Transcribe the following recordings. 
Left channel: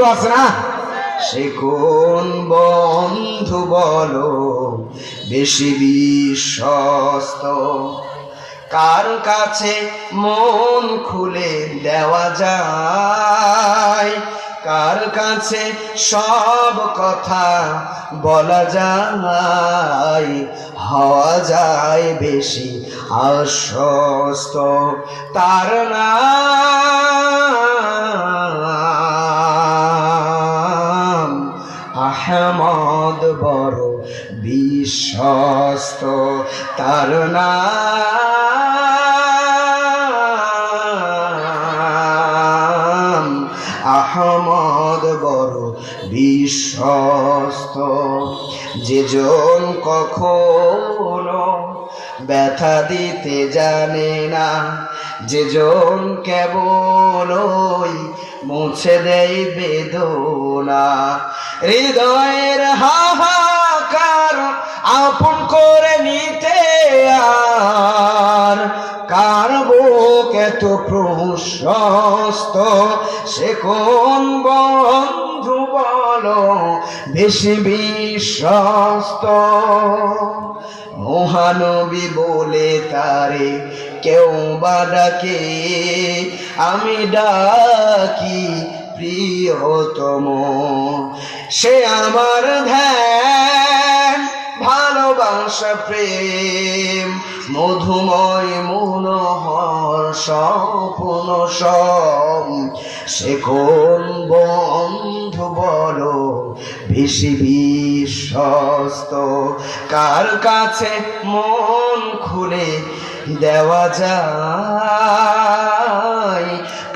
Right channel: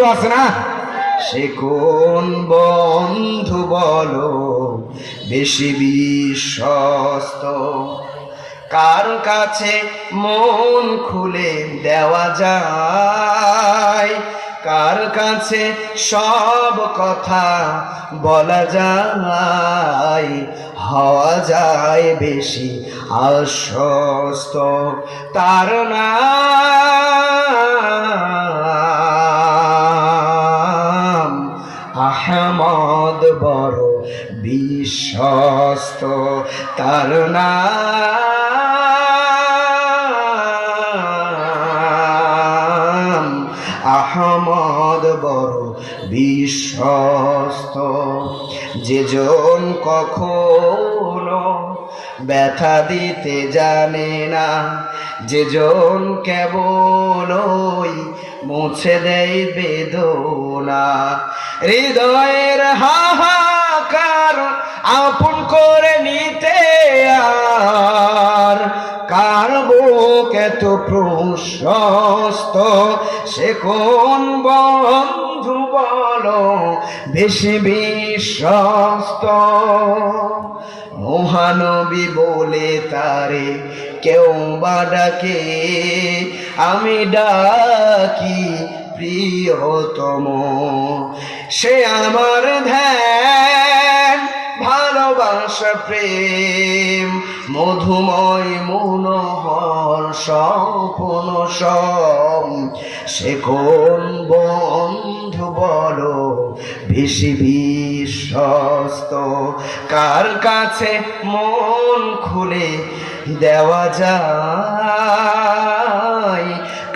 বন্ধু আছে না? সে কোন বন্ধু বলো বেশি বিশ্বস্ত? কার কাছে মন খুলে দেওয়া যায়? কার কাছে সব কথা বলা যায়? হওয়া যায় বেশি আশ্বস্ত। তার নাম আহমদ, বড় বিশ্বস্ত। তার নাম আহমদ, বড় বিশ্বস্ত। যেজন কখনো ব্যথা দিতে জানে না, যেজন কেবলই মুছে দেয় বেদনা। হৃদয়ের হাহাকার আপন করে নিতে আর কার বুক এত প্রশস্ত? সে কোন বন্ধু বলো বেশি বিশ্বস্ত? মহানবী বলে তারে কেউ বা ডাকে, আমি ডাকি প্রিয়তম। সে আমার ধ্যান, ভালোবাসা, প্রেম, মধুময় মনোহর স্বপ্ন সব। সে কোন বন্ধু বলো বেশি বিশ্বস্ত? কার কাছে মন খুলে দেওয়া যায়?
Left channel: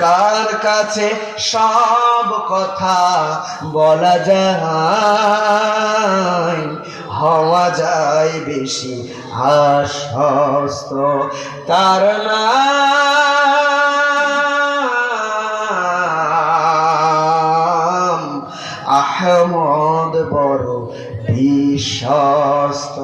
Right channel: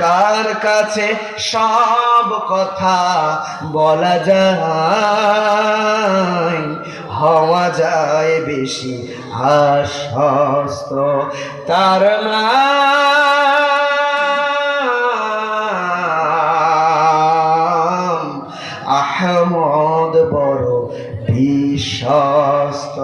কার কাছে সব কথা বলা যায়? হওয়া যায় বেশি আশ্বস্ত। তার নাম আহমদ, বড় বিশ্বস্ত।